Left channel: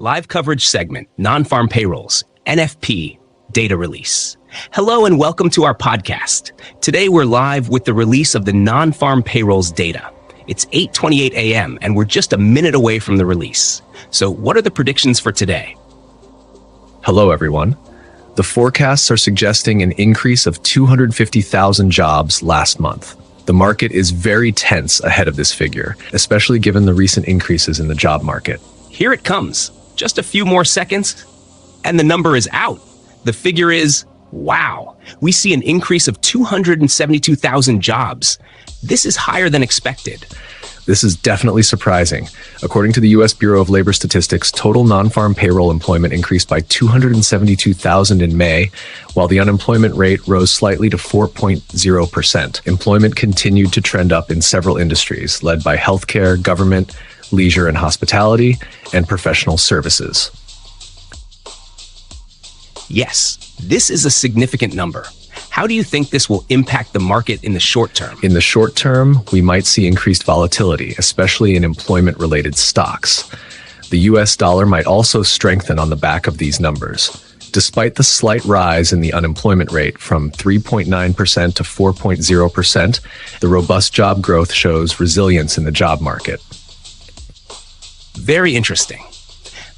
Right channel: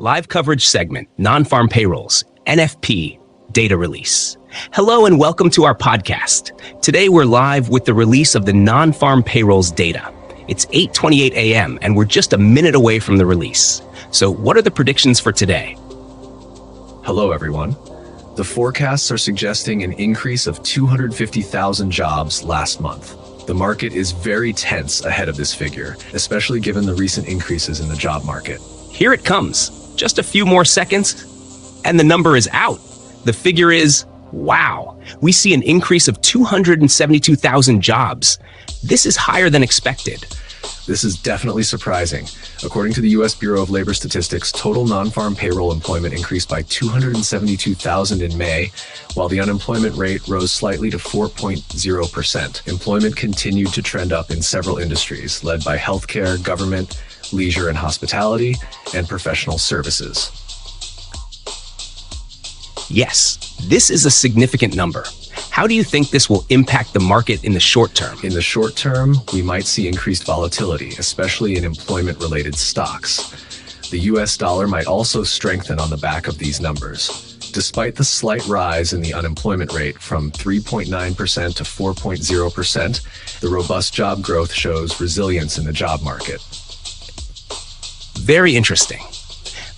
Live coverage segment, Non-Farm Payrolls, NFP, data release. Hello and welcome to our podcast. Today we're live with the release of the Non-Farm Payrolls data. It's 8:28 a.m. and we're just a minute away from the release. So what are the predictions for today? Hello everyone. The forecasts are suggesting an increase of 250,000 jobs last month. The market is very tense ahead of this figure, especially given the recent increases in the job market. Here it comes. Just a few more seconds, and the number is out. The figure is, wow, we see an increase of 272,000 jobs. This is higher than expected. This is definitely surprising. According to the U.S. Bureau of Labor Statistics, total non-farm payroll employment increased by 272,000 in May, while the unemployment rate rose slightly to 4.0%. Employment continued to trend up in several industries, led by healthcare, government, leisure and hospitality, and professional services. Yes, this is a significant number. How do you think this will impact the market in the short term? In the short term, we might see increased volatility, especially in employment-related stocks. The US dollar might also strengthen on the back of these numbers. Despite the slight rise in the unemployment rate from 3.9% to 4.0%, the robust job growth shows resilience in the job market. Very interesting.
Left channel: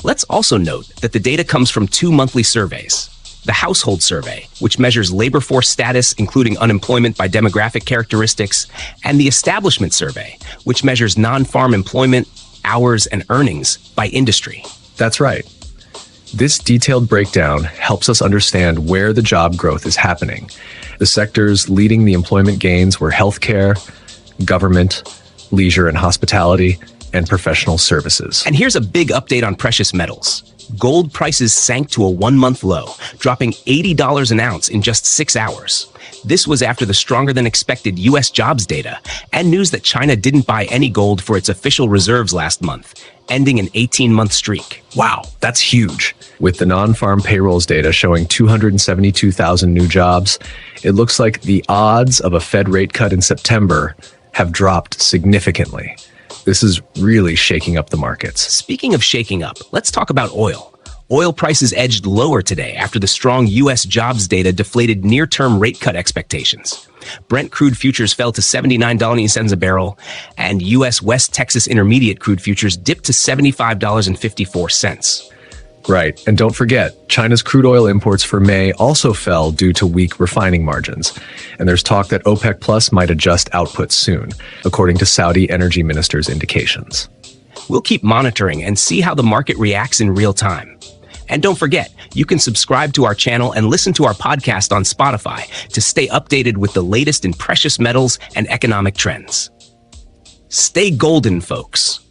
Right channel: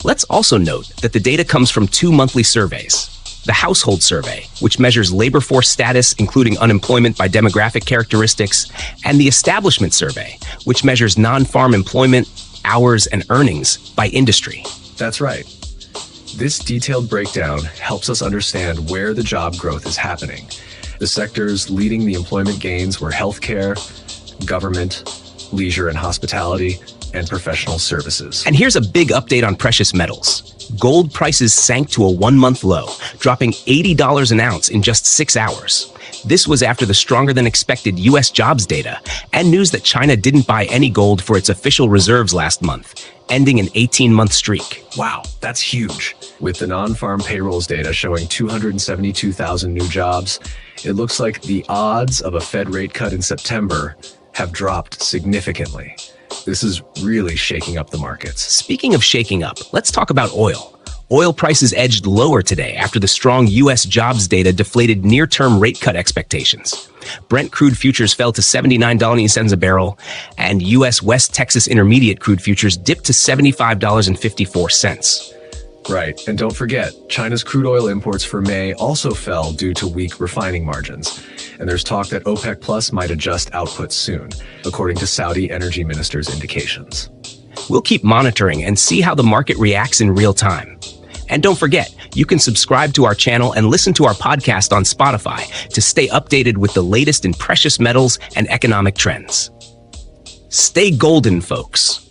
Let's also note that the data comes from two monthly surveys. The Household Survey, which measures labor force status, including unemployment by demographic characteristics, and the Establishment Survey, which measures non-farm employment, hours, and earnings by industry. That's right. This detailed breakdown helps us understand where the job growth is happening. The sectors leading the employment gains were healthcare, government, leisure and hospitality, and professional services. And here's a big update on precious metals. Gold prices sank to a one-month low, dropping $80 an ounce in just 6 hours. This was after the stronger than expected U.S. jobs data and news that China didn't buy any gold for its official reserves last month, ending an 18-month streak. Wow, that's huge. With the non-farm payrolls data showing 272,000 new jobs, it looks like the odds of a Fed rate cut in September have dropped significantly. This is really shaking up the markets. Speaking of shaking up, let's talk about oil. Oil prices edged lower today after the strong U.S. jobs data deflated near-term rate cut expectations. Brent crude futures fell to $79.00 a barrel, and U.S. West Texas Intermediate crude futures dipped to $75.54. Right, and don't forget, China's crude oil imports for May also fell due to weak refining margins. And there's talk that OPEC Plus might adjust output soon, according to Saudi energy minister's indications. We'll keep monitoring and see how the market reacts in real time. And don't forget, you can subscribe to our channel and listen to our podcast on Spotify to stay updated with the latest in precious metals and economic trends. Stay golden, folks.